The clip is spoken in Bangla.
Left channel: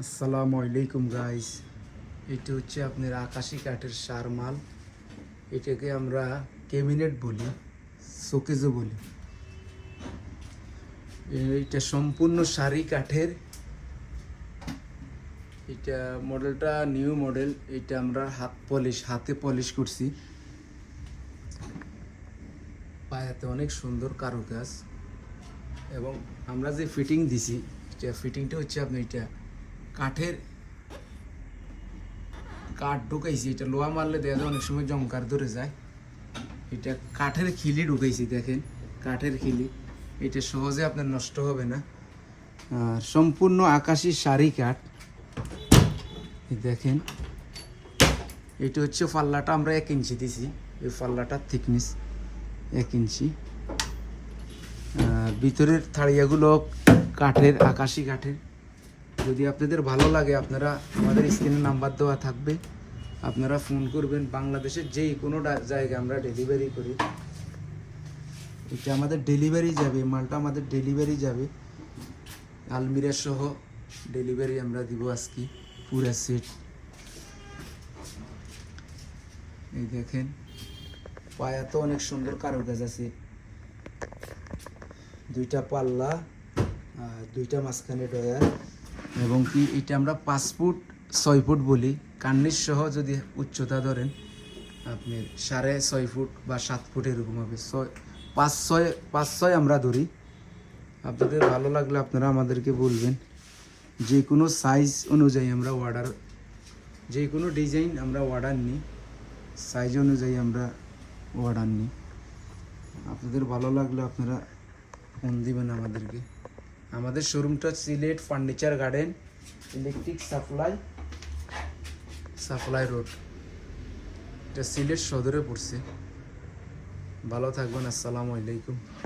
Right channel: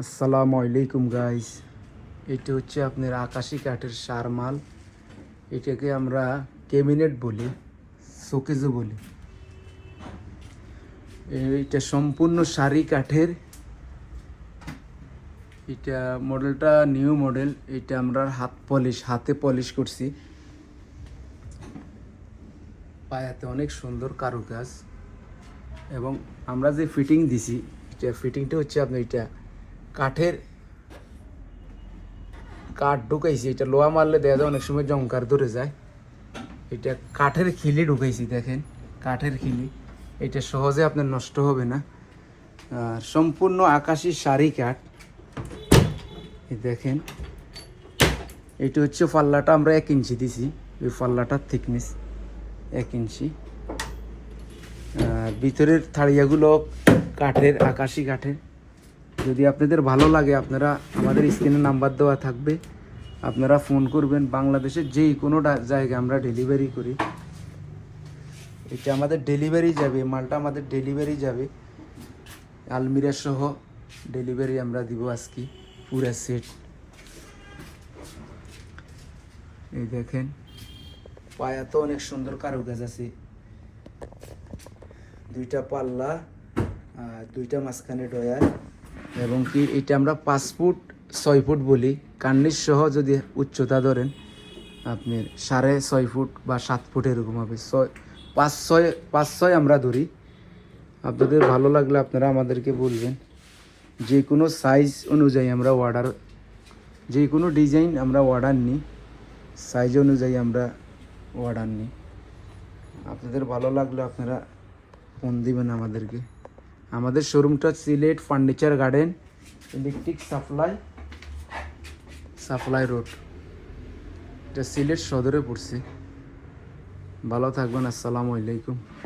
আসসালামু আলাইকুম গাইস। এটা হচ্ছে আপনার আকাশি কাঠের সার মাল। এটাকে আমরা ক্যাবিনেট বলি, শোকেজও বলি। এটা সম্পূর্ণ সারি কাঠের। এটা মডেলটা নিউ মডেল। এটা আমরা হাতে পলিশ করছি। পায়াতে অনেক সুন্দর কারুকাজ এবং আমরা যে ফিটিং দিছি, এটা ফিটিংটা হচ্ছে আপনার এটা কাঠ ঢুকাইছি। এটা লোহা মারলে দেখা যায় অনেক সময় জংকার ধরে যায়। এটা কাঠের খিলি ঢুকাইছি, দেখেন কাঠের খিলি। এটা সহজে আপনার নষ্ট হবে না। আর সম্পূর্ণ আকাশি সারি কাঠ। দেখেন এটা হচ্ছে পাল্লাটা আমরা 1 ইঞ্চি দিছি। এই পাল্লাটার থিকনেস 1 ইঞ্চি। আর ভিতরের থাড়িয়াগুলো কাঠের, আকাশি কাঠের। যদি আপনাদের ভালো লাগে, আপনারা আমাদের স্ক্রিনে নাম্বার দেওয়া থাকবে, আপনারা ফোন করবেন। বাংলাদেশের যে কোনো জায়গায় আমরা ডেলিভারি করি। এটা আমাদের ডেলিভারি যাবে, মালটা আমাদের ডেলিভারি যাবে, আলমিরা সহ ডেলিভারি আমরা দিব আজকে পুরা সেট। এই দেখেন পায়া তো অনেক সুন্দর কারুকাজ আছে। 2টা পাল্লা আর 2টা মাঝখানে ডয়ার, এবং কি এটা আমরা 5 ফুট 6 ফুট বলি। কার্নিশ সহ যদি উচ্চতা ধরেন আপনি 6.5 ফুট বা 7 ফুট এরকম হবে। 5-6 আমরা ধরি। আপনাদের ভালো লাগলে আপনারা আমাদেরকে বলবেন। যে কোনো সাইজ অনুযায়ী আমরা অর্ডার, যে কোনো ডিজাইন আমরা অর্ডার নিই, সাইজ অনুযায়ী আমরা অর্ডার নিই। আপনাদের ভালো লাগলে আপনারা ফোন দিবেন আমাদেরকে। আমাদের শোরুমটা Sylhet furniture garden, electric supply road. এটা সিলেট সদরে পড়ছে। ভালো থাকবেন। আসসালামু আলাইকুম।